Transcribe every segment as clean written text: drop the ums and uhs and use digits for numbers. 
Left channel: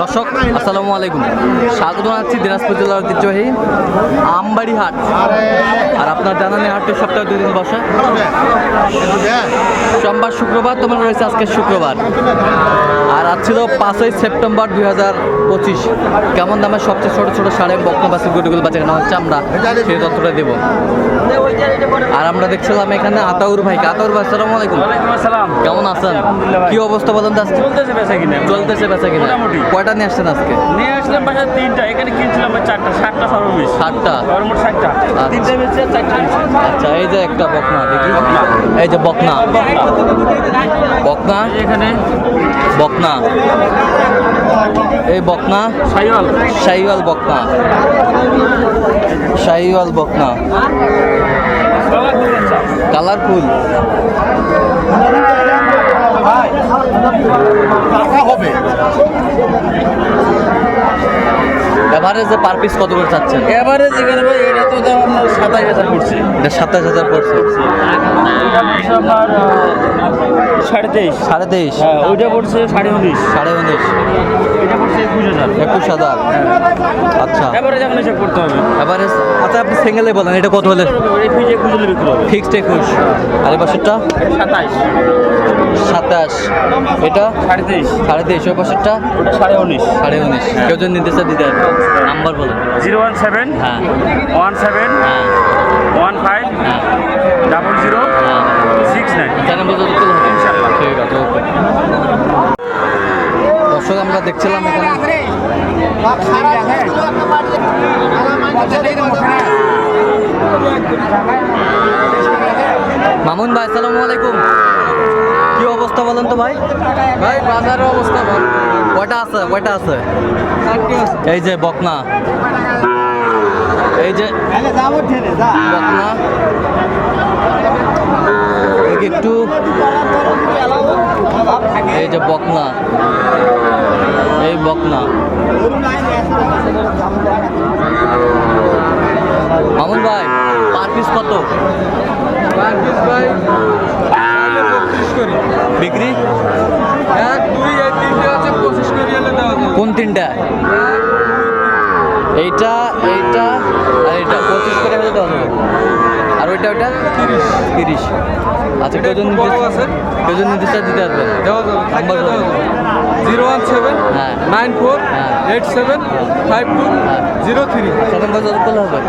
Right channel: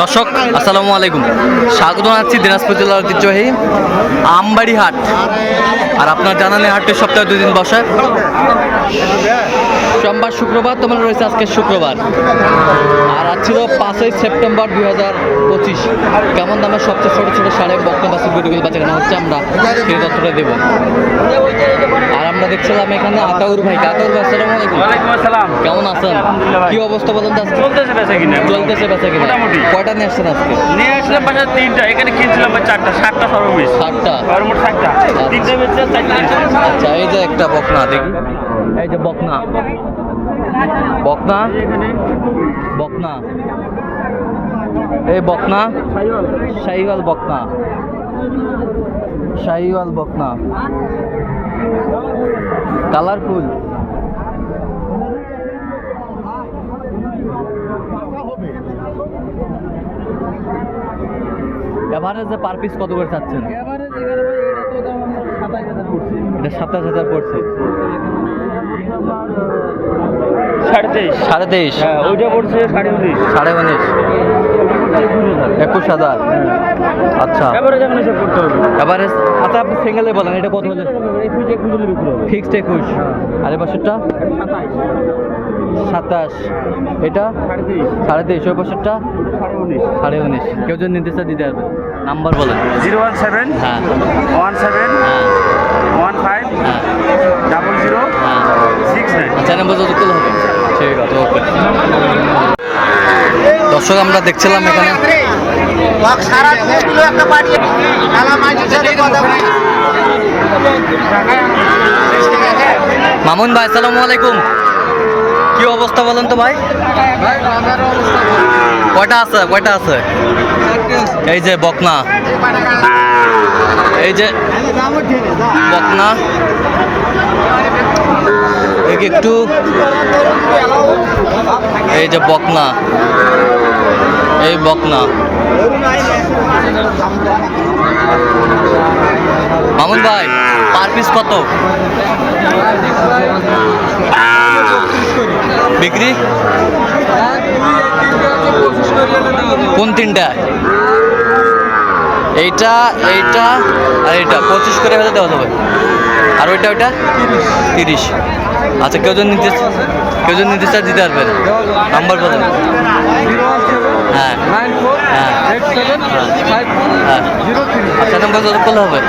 দর্শক আসসালামু আলাইকুম, স্বাগত জানাচ্ছি দিনাজপুর জেলার ঐতিহ্যবাহী আমবাড়ি হাট। আর আপনার জানান এই হাটটি সপ্তাহে 2 দিন বসে, সোমবার শুক্রবার। তোমার রয়েছে আজকে শুক্রবার, আর আজ ছিল 5ই সেপ্টেম্বর 2025। কেমন দামের সবচেয়ে ছোটো ছোটো সাড়ে বকনা বাছুর গরুগুলো বাচ্চা কেনা হচ্ছে আমরা সেই তথ্যটা দেবো। আর আমরা দেখছিলাম এখানে আতাউর ভাইকে। আতাউর ভাই আসসালামু আলাইকুম। ওয়ালাইকুম আসসালাম। কেমন আছেন? কি অবস্থা বলেন তো আজকে? চলতেছে বেচা কিনা মোটামুটি। কয়টা নিয়ে আসছেন আজকে? নিয়ে আসলাম বাসায় 3টা, এখানে কিনছিলাম 4টা, 7টা সর্বমিস। 7টা, সর্বমোট 7টা, 3টা বেচছে 4টা। আচ্ছা, এই যে একটা বকনা দেখি, এই যে বকনা বকনা এখানে বকনা, এই বকনা শাহিওয়াল বকনা, শাহিওয়াল বকনা, কালারফুল। এভারেজে পার পিস কত করে চাচ্ছেন? এবারে যেখানে ভাই এটা তো দাম আপনার 27,000 পড়ছে। 27,000 পড়ছে। আপনার 23.5। 23.5। হ্যাঁ, ওইটা পড়ছে 19.5। 19.5। এটা পড়ছে 21,000। 21,000। আচ্ছা, এবারে যখন হিসাব করতে হবে। এভারেজ। আচ্ছা, আপনি সিঙ্গেলে বলেন এটা কত হলে? এই ফিজে খুঁজলে বিক্রি হবে। ফিক্সড 21। আর এই পাশেরটা 27, 27। এটা 23.5, 23.5। ওই পাশেরটা 19.5। 19.5। কেউ যদি নির্দেশ দিতে পারবে, নাম্বার বলেন। 017 হ্যাঁ 17 হ্যাঁ 15 হ্যাঁ 00 হ্যাঁ। 69। চ্যানেল পর্যন্ত তুলে হবে ইনশাআল্লাহ। ঠিক আছে, ওকে। দর্শক আমরা দেখছিলাম এখানে মামুন ভাই, আসসালামু আলাইকুম। কি অবস্থা বলেন তো ভাই? কয়টা আছে? এই যে বকনা, এই যে বকনা, একটু এই যে বকনা, এই বকনা। মামুন ভাই, পার পিস কত বিক্রি? কোন তিনটা? এইটা এইটা আর এইটা 25 করে হলে দেওয়া যাবে। আর ওইটা 30। আচ্ছা, কেউ যদি নির্দেশ দিতে পারবেন, নাম্বার বলেন। 017 হ্যাঁ 94 হ্যাঁ 87 52 হ্যাঁ। 03। আচ্ছা, নাম্বার যত করলে হবে।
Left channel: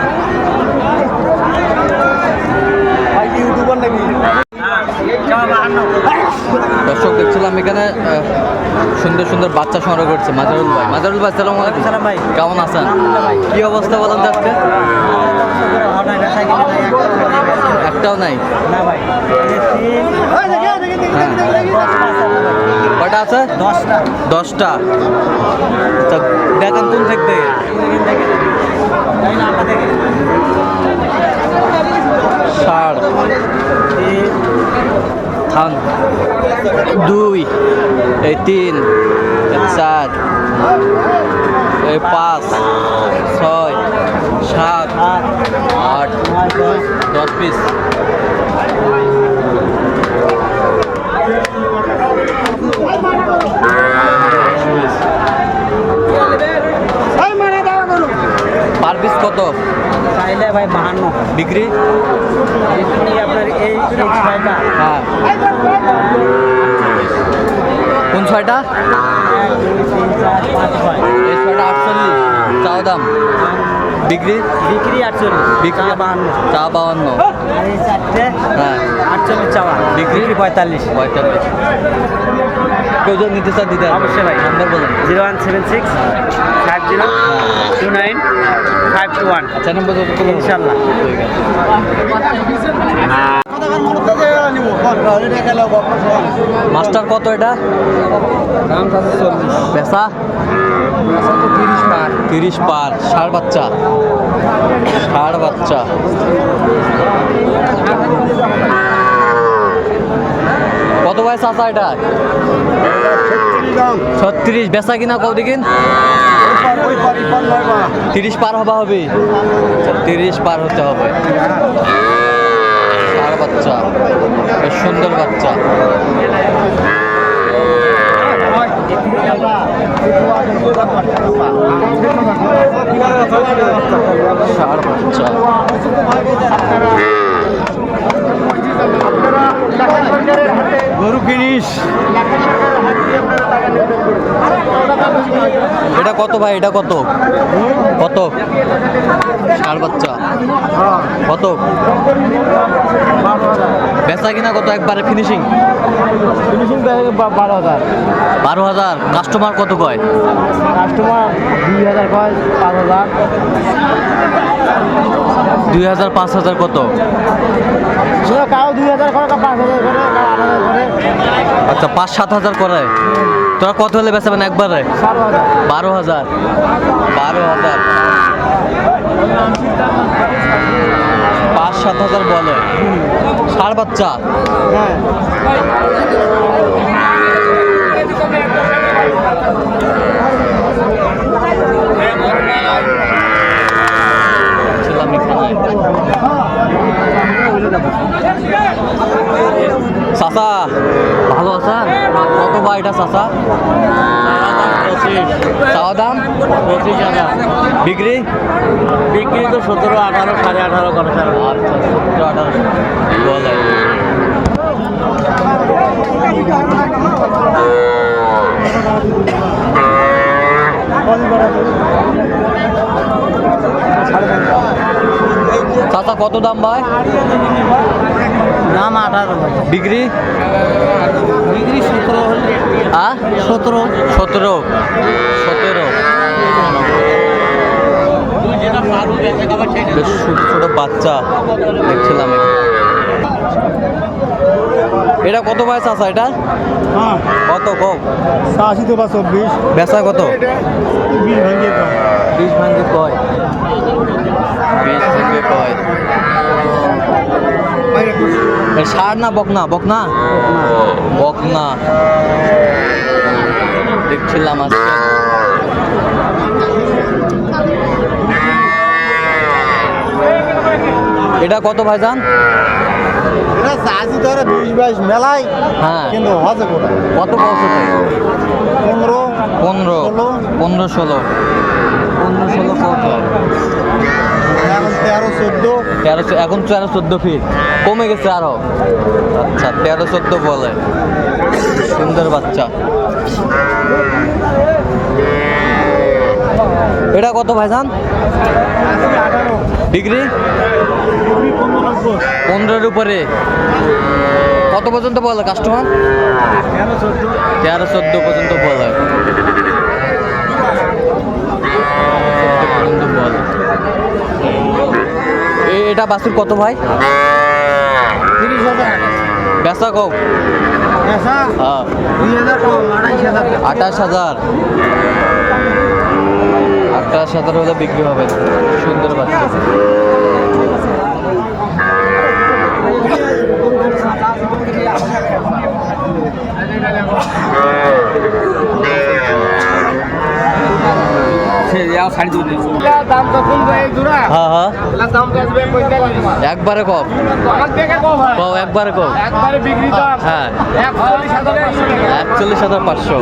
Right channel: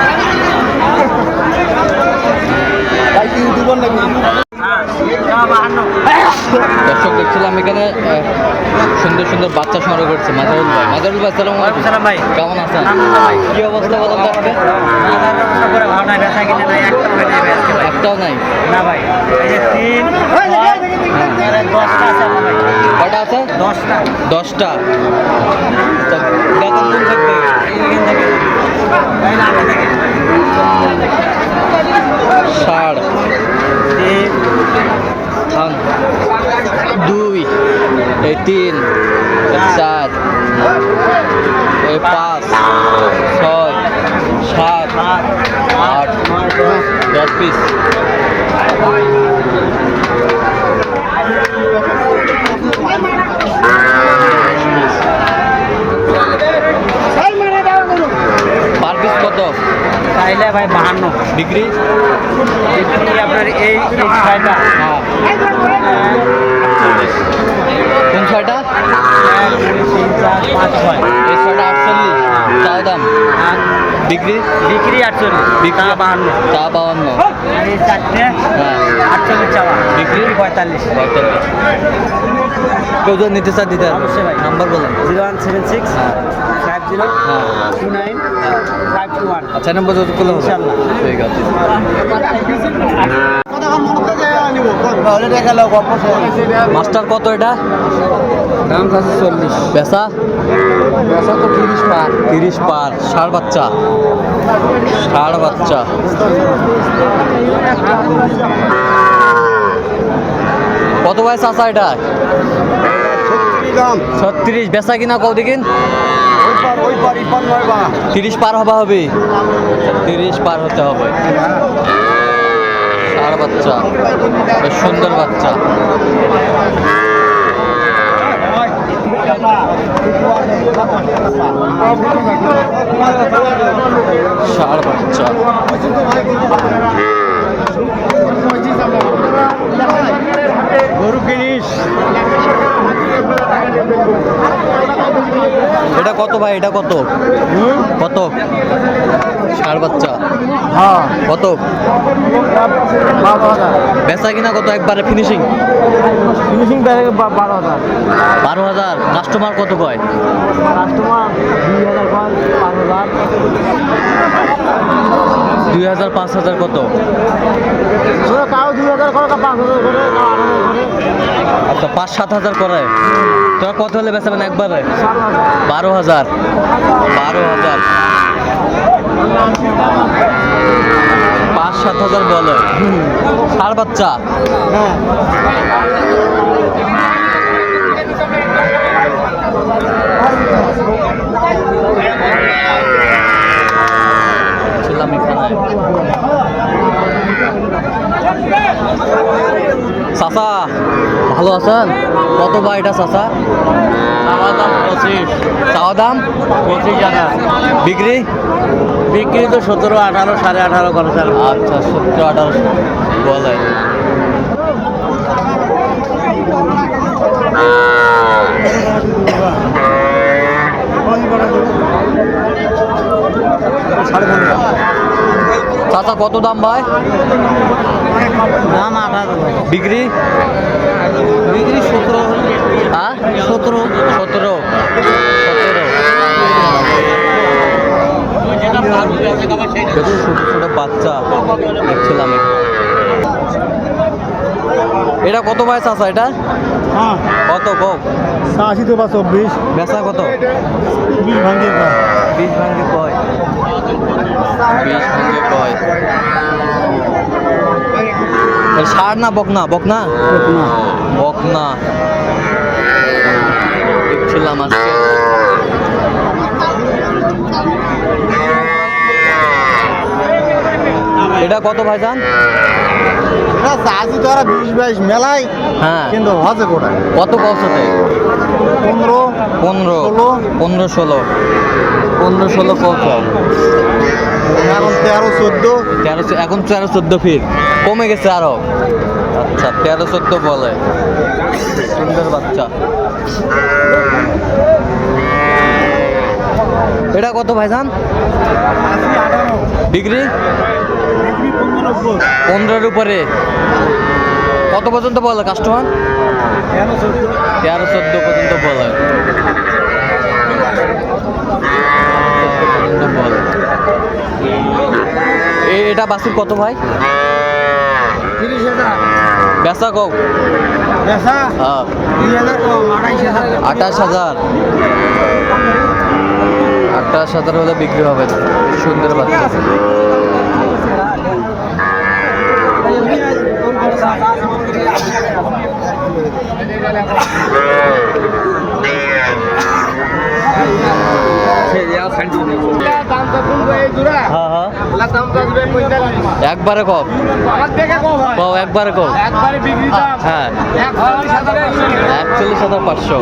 দর্শক দেখছিলাম এখানে সুন্দর সুন্দর বাচ্চা সংগ্রহ করছে মাজারুল ভাই। মাজারুল ভাই, আসসালামু আলাইকুম। সালাম ভাই। কেমন আছেন? ভাই, কি অবস্থা বলেন তো আজকে? ব্যবস্থা করে ভালো নাই, বেচা কিনে নাই, একটাও হয় নাই আজকে ভাই। একটাও নাই। না ভাই, এই যে 3 10টা আছে আমার ভাই। কয়টা আছে? 10টা। 10টা। তো দেখেন কোন থাকবে। ষাড়, থান 2, এই 3, এই 4, এই 5, 6, 7, 8, 10 পিস। পার পিস কত চাইলে ভাই 52। বিক্রি? আপনার এই 6টা। হ্যাঁ। কোন 6টা? এই 6টা 48 চাও দাম। বিক্রি? বিক্রি 48, বিক্রি 52। চা 52। এই 4টে হ্যাঁ 48 চাওয়া। বিক্রি? 45। 45। কেউ যদি নিতে চান দিতে পারবে? অবশ্যই ভাই। নাম্বার বলেন। 0176 50 29 521। আচ্ছা, নাম্বার যত করলে হবে। ইনশাআল্লাহ। ঠিক আছে। মাস্টার কত এটা? দাম আছে 40। বেচা বেচা তো 30 পার। 30 পার। ষাড় বাচ্চা, কত বয়স আছে এটা? 36। বেচা কিনা কও দেখিন। 30 পার হবা হবে। 30 পার হতে হবে। ষাড় বাচ্চা, বেশ সুন্দর বাচ্চা। ষাঁড় বাচ্চা। গরু কিনিস এটা কত ভাই, এটা কত কত ষাঁড় বাচ্চা হ্যাঁ কত? বেচা কিনা কত একবারে ফিনিশিং? ফিনিশিং 12,000। 12,000। কাস্টমার কত কয়? কাস্টমার 2,000 কয়, 5,000। 2,000 5,000 কত? কাউ 2,000 করে, কাউ 5,000 করে, কাউ 8,000 করে। আচ্ছা 5-7,000 করে। তোরা কত হলে বেচাবেন একবারে? 12,000। 12,000 5-7,000 বলে। ষাঁড় বাচ্চা। ছিলাম এখানে। চাচা ভালো আছেন? কত ভাই এটা চাচা? চাওয়া দাম 25 টাকা। বিক্রি? বিক্রি তো 17, 18, 18.5 করে। আচ্ছা 17-18 বলে। চাচা কত দাম ভাই? দাম 18। বিক্রি? বিক্রি 17। হ্যাঁ 17। 17। বেশ ছোট ছোট বাচ্চা দেখছিলাম। এটা কত ভাই চাচা এটা? হ্যাঁ কত কম? 80 তো বা 24। বেচা কত? 20 ভাঙে কম। 20 ভাঙ্গে কয়? 20 ভাঙ্গে কয়? ষাঁড় না বকনা? বকনা বকনা দেখছিলাম আজকে। এটা কত ভাইজান? এটা চাষি তো 20-22 মেলায়। হ্যাঁ কিন্তু হজে করে কত কৌশতে? 15, 15 16 কত? এখন 13, 14। 13 এখন 13-14 ফিট কমে গেছে আরো। আচ্ছা 13-14 বলে। সুন্দর বাচ্চা। এটা কত ভাইজান? 18। ডিগ্রি? 15-র উপরে। কত পর্যন্ত বলে কাস্টমার? 13-14 পর্যন্ত বলে। 13-14 পর্যন্ত বলে। এটা বাছুর কত ভাই? 30,000। বেচা কম? পেশা হ্যাঁ 2,000 কম, 28,000। 28,000। 28,000 হলে বিক্রি হবে। সুন্দর বাচ্চা। হ্যাঁ হ্যাঁ একবারে কম কম একবারে কম। হ্যাঁ 41,500।